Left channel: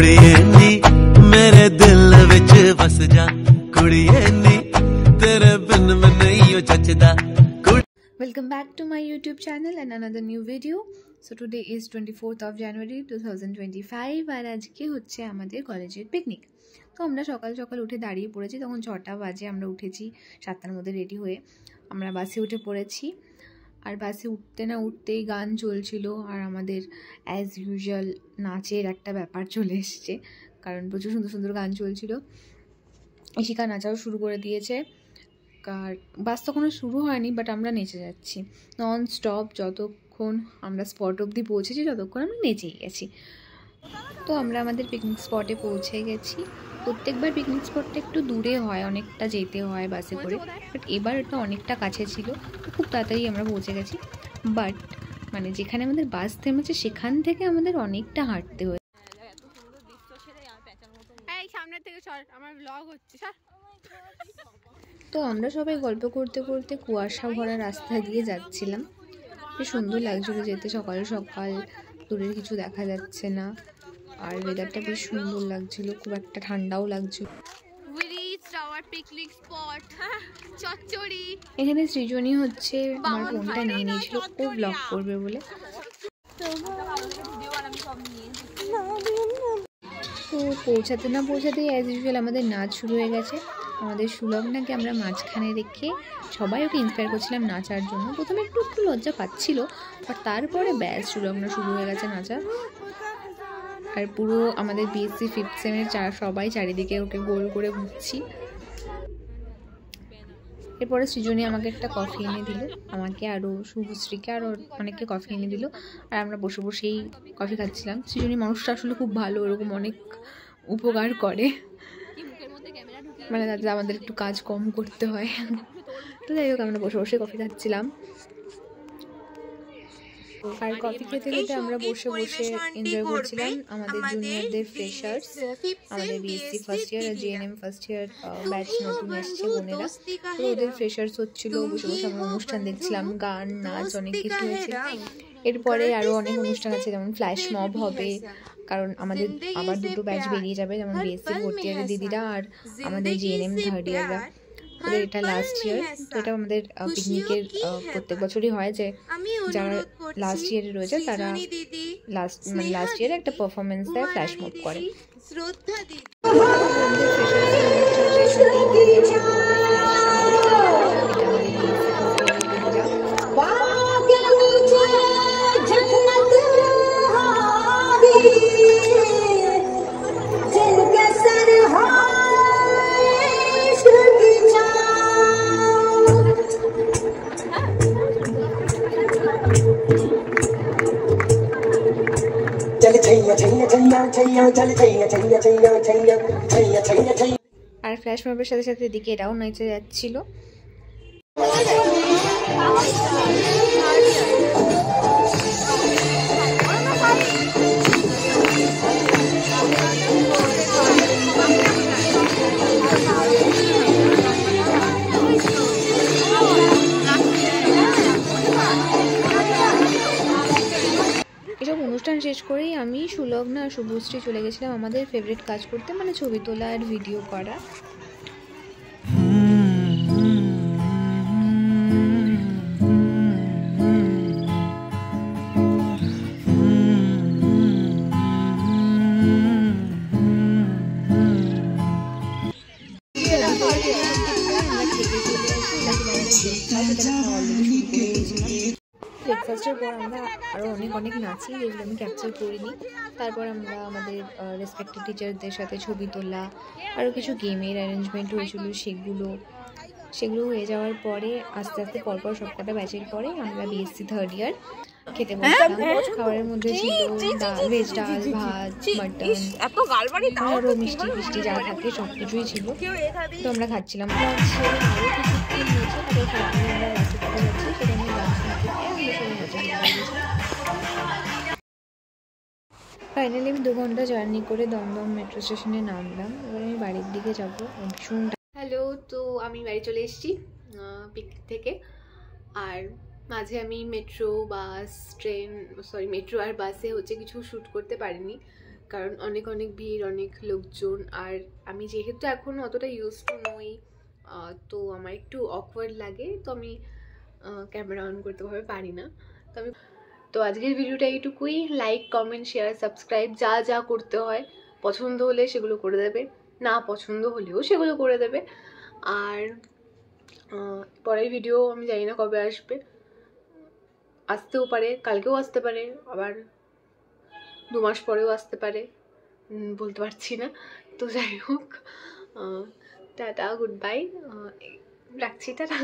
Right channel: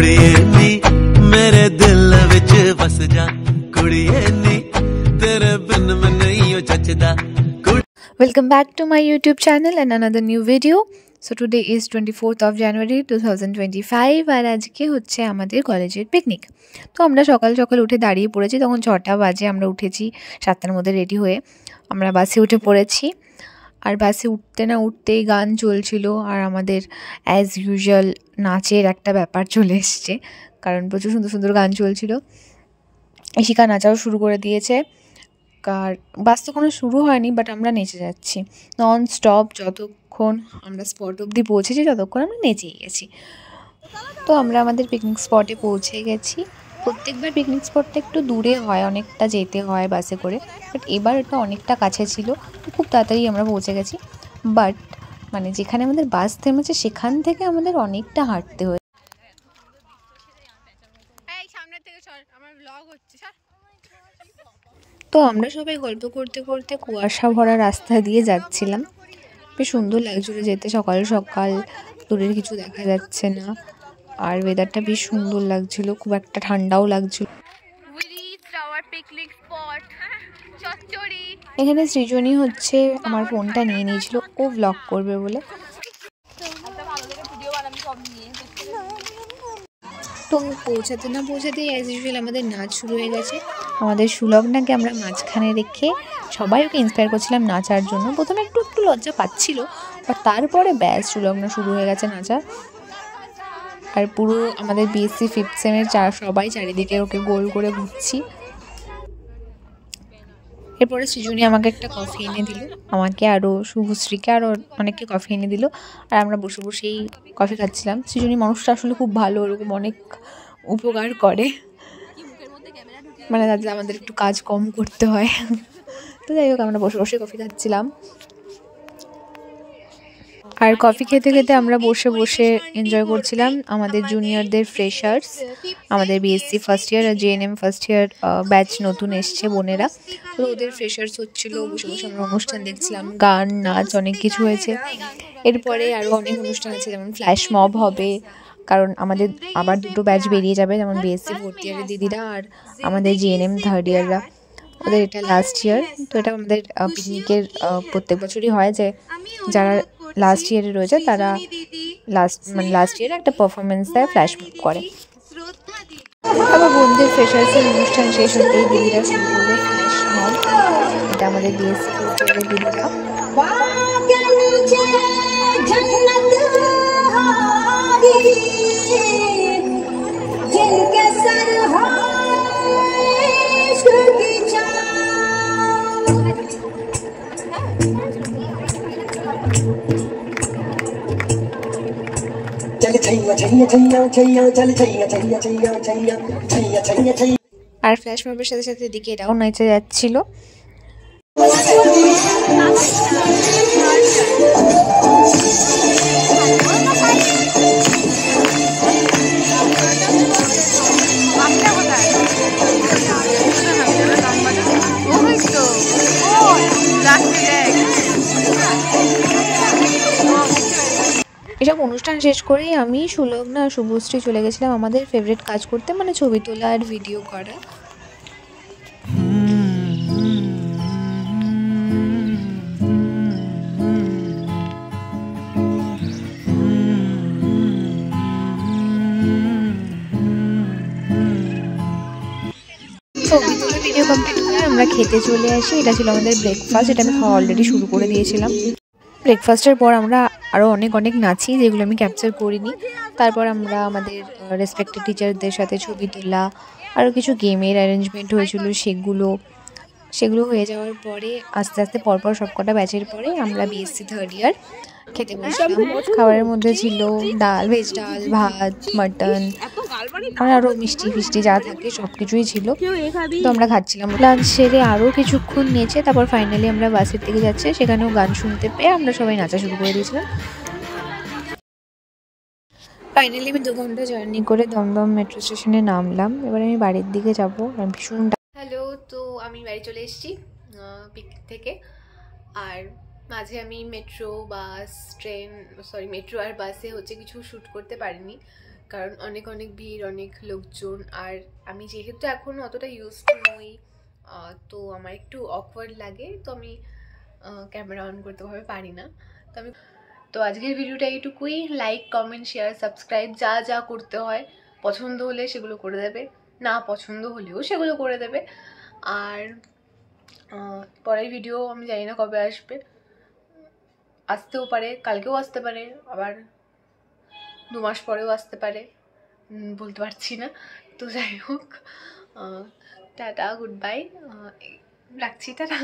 कुड़िए नी मेरे दिल विच बस जा कुड़िए नी तेरे बिन मैं नहीं हो जचदा। Welcome back to my YouTube channel and another new video. So today is 24th of January 2025 আর আজকে হচ্ছে আমাদের কলেজের পিকনিক। তো আমরা সকাল সকাল উঠে দাঁড়িয়ে পড়েছি, তখন 6টা বাজে। আমরা উঠেছি 7টার মধ্যে রেডি হয়ে আমরা বাসে উঠে পড়েছি। আর বাসে উঠতে না উঠতেই গান চলছিল আর আমাদের অ্যাজ ইউজুয়াল নাচের একটা ব্যাপার চলে এসছে, কারণ প্রচুর সুন্দর সুন্দর গান চলছিল। ইশিকা নাচাও শুরু করে দিয়েছে। আর বাস তো কোনো শুরু হয়নি, বাট আমরা নেচে যাচ্ছি নন স্টপ। যতক্ষণ আমরা স্পট অবধি পৌঁছেছি ততক্ষণ আমরা নেচেই গেছি। তো আমরা আমাদের পিকনিক স্পটে পৌঁছে গেছি। প্রত্যেকবার পিকনিক স্পটটা একটু দূরে হয়, অনেকটা যেতে হয় বাসে করে, বাট এবার এটা অনেকটা কাছে ছিল, তো খুব তাড়াতাড়ি আমরা পৌঁছে গেছি। বাট মানে যেখানে আমাদের বাস থেমেছে সেখান থেকে আমাদের অনেকটা হাঁটতে হয়েছে। তো আমরা সবাই গল্প করতে করতে কুয়াশা ভরা রাস্তা দিয়ে যাচ্ছিলাম। বেশ সুন্দর লাগছিল যেতে, সকাল সকাল দূরের কিছু দেখা যাচ্ছে না, আর ওয়েদারটা বেশ সুন্দর লাগছিল, খুব একটা ঠান্ডাও লাগছিল। এখানে সৃজনী হচ্ছে আমার ফোনটা নিয়ে নিয়েছিল, ও ব্লগ করবে বলে। তো পৌঁছাতে না পৌঁছাতেই অ্যাজ ইউজুয়াল আমাদের নাচ শুরু হয়ে গেছে। আমাদের সুলগ্নাকে আমরা মাঝখানে রেখে সবাই ওকে ইন্সপায়ার করছিলাম নাচার জন্য। প্রথমে একটু একটু লজ্জা পাচ্ছিল, বাট তারপরে ব্যাস সুলগ্না শুরু হয়ে গেছে নাচা। আর পুরো আমাদের বিএসসি 5th সেমের সবাই চারিদিকে ওকে গোল করে ঘুরছি। এরপরে সৃজনী আমাকে একটা কফি এনে দিল, আমাকে আরও শুভশ্রীকে আরও অনেককে কফি এনে দিল, আর আমরা বসে বসেই কফি খাচ্ছিলাম। সৃজনী মানুষটা আসলে খুব ভালো, ওরকম অনেক উপকার করে, মানে যাতে আমাদের একটু কাজ কম করতে হয়। তো যাই হোক, আমরা বসে বসে কফি খাচ্ছিলাম। আর কফি খেতে খেতে আমরা বসে বসে এনজয় করছিলাম আমাদের জুনিয়রদের ফ্রেশার্স, আমাদের বিএসসি ফার্স্ট ইয়ার আর জেএনএম ফার্স্ট ইয়ার ব্যাচ নতুন এসছে বোনেরা। তো ওদের ফ্রেশার্স হচ্ছিল, বসে বসে আমরা অনুষ্ঠান দেখছিলাম, গান নাচ অনেক কিছু হয়েছে। এরপরে আরও অনেক অনুষ্ঠান আছে, যেমন ফ্ল্যাশ মব হবে, কারণ আমাদের আবার দুটো ব্যাচ বেরিয়ে যাবে, যেমন বিএসসি ফোর্থ ইয়ারের দিদিরা আর আমাদের জেএনএম থার্ড ইয়াররা। ওদের এটা লাস্ট ইয়ার। তো এটা আমাদের পিকনিকের প্রত্যেক বছরই হয় যে যারা লাস্ট ইয়ারে রয়েছে তারা লাস্ট ইয়ারে একটা পারফরমেন্স দেয়, ফ্ল্যাশ মব করে। আবার বন্ধুদের ফ্রেশার্সের অনুষ্ঠান শেষ হতেই দিদিরা শুরু করবে ফ্ল্যাশ মব। এটা আমাদের বিএসসি ফোর্থ ইয়ারের দিদিরা। আর ফ্ল্যাশ মবের সাথে সাথে এদিকে এটাও নেচে যাচ্ছিল। এসব অনুষ্ঠান শেষ করেই আমি, সুলগ্না আর শুভশ্রী চলে গেছিলাম আমাদের ফেভারিট কাজ করতে, মানে ছবি তোলা আর ভিডিও করা। ছবি তোলা ভিডিও কমপ্লিট করে আমরা খেতে চলে আসি। এটা ছিল আমাদের ব্রেকফাস্ট, এটা আমি অলরেডি শুরু করে দিয়েছিলাম। ব্রেকফাস্টের পর আমরা আরও অনেক নাচি, যেগুলো আমি ক্যাপচার করিনি। তারপর আমরা আমাদের রেসপেক্টেড টিচারদের সাথে ছবি তোলা, আরও কিছু গেমের অ্যারেঞ্জমেন্ট হয়েছিল, সেগুলো হয়ে যাওয়ার পরে আস্তে আস্তে পরপর সবকটা ব্যাচের পরে আমরা বিএসসি থার্ড ইয়ার খেতে বসলাম। খাবারের মধ্যে ছিল ডাল, ভেজ ডাল, ভাত, মাটন, আর আরও মিষ্টি ফিষ্টি যা থাকে সব কিছুই ছিল। তো আমরা খাচ্ছিলাম। লাঞ্চ সেরে আরও কিছুক্ষণ নেচে তারপর ফাইনালি আমরা বাসের দিকে যাচ্ছি, সেখানেও গান শুনতে পেয়ে আমরা সবাই নাচা শুরু করে দিয়েছিলাম। ফাইনালি আমি 2 ঘন্টা জার্নি করে দমদম মেট্রো স্টেশনে নামলাম। এবার আমি বাড়ির দিকে যাবো, আমি ভীষণ। হ্যালো, তো আমি বাড়ি চলে এসেছি পিকনিক থেকে। আর মাঝে আমি মেট্রো আর বাসে হচ্ছে কিছু শ্যুট করতে পারিনি, কারণ অনেক অনেক ভিড়, অনেক লোকজন, আর আমি যেহেতু এখন অতটা ইউজ টু নই, তো আমার একটু অকওয়ার্ড লাগে, তো আমি ক্যামেরা অন করতে ভাবে পারি না। তো আজকের ভিডিওটা এইটুকুই। লাইক, কমেন্ট, শেয়ার, সাবস্ক্রাইব যা যা করতে হয়, পছন্দ হলে সেগুলো করে দেবে, না পছন্দ হলেও সেগুলো করে দেবে। আর পরের ভিডিও আমি জানি না কবে আসবে, আসতেও পারে, কালকেও আসতে পারে, আবার 2 মাস পরেও আসতে পারে, বলতে পারছি না। তো যাই হোক, টাটা, গুড বাই, রাখছি, টাটা।